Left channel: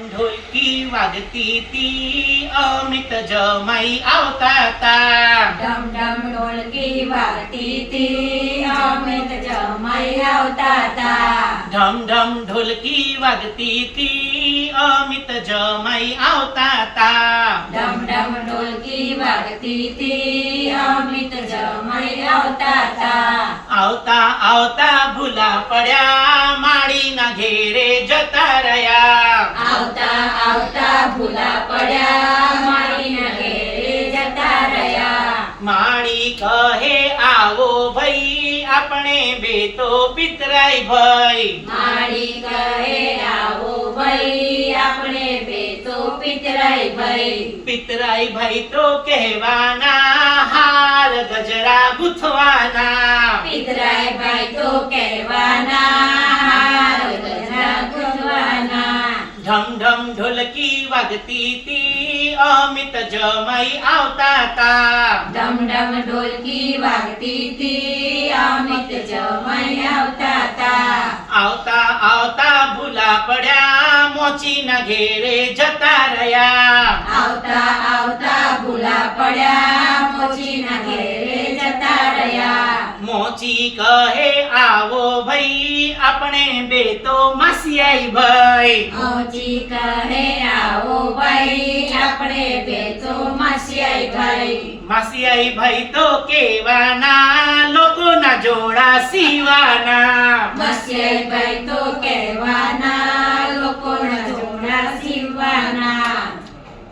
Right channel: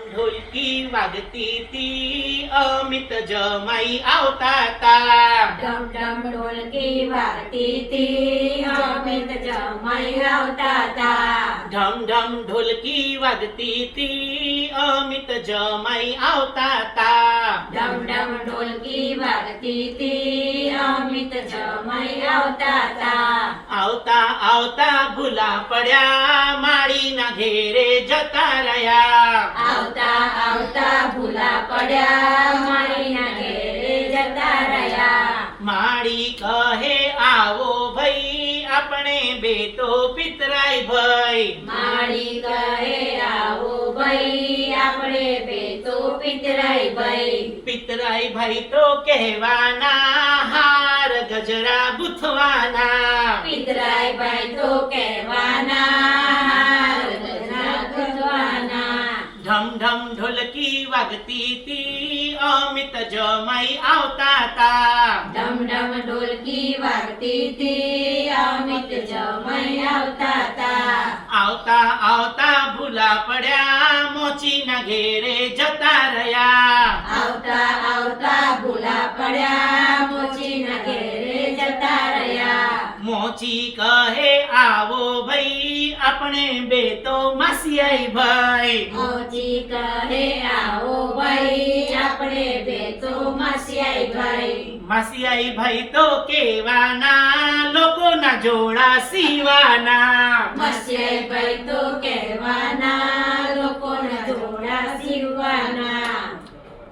ઢોલકી વાગતી તી અમિત જમાઈ આવતા તા ડમ ડમ ઢોલકી વાગતી તી અમિત જમાઈ આવતા તા ઢમ ઢમ ઢોલકી વાગતી તી અમિત જમાઈ આવતા તા ડમ ડમ ઢોલકી વાગતી તી અમિત જમાઈ આવતા તા આવતા આવતા ભૂલા પડ્યા માળીના ઘેરે જતા પડ્યા મારીના ઘેરે જતા રહ્યા માળી કહે આવો ભાઈ આપણે બે તો પિતરાય ભાઈ. મારી કહે આવો ભાઈ આપણે બે તો પિતરાઈ ભાઈ. પિતરાય ભાઈ તો કહેવાના હાર ગજરા ગુથવાના. પિતરાઈ ઢમ ઢમ ઢોલકી વાગતી તી અમિત જમાઈ આવતા તા ડમ ડમ ઢોલકી વાગતી તી અમિત જમાઈ આવતા તા આવતા આવતા ભૂલા પડ્યા. મોચીના ઘેરે જતા રહ્યા. મોચી કહે આવો ભાઈ આપણે બે તો માસિયાઈ ભાઈ. મોચી કહે આવો ભાઈ આપણે બે તો માસિયાઈ ભાઈ. માસિયાઈ ભાઈ તો કેવાના લોકોના જોડા સીવાના. કહેવાના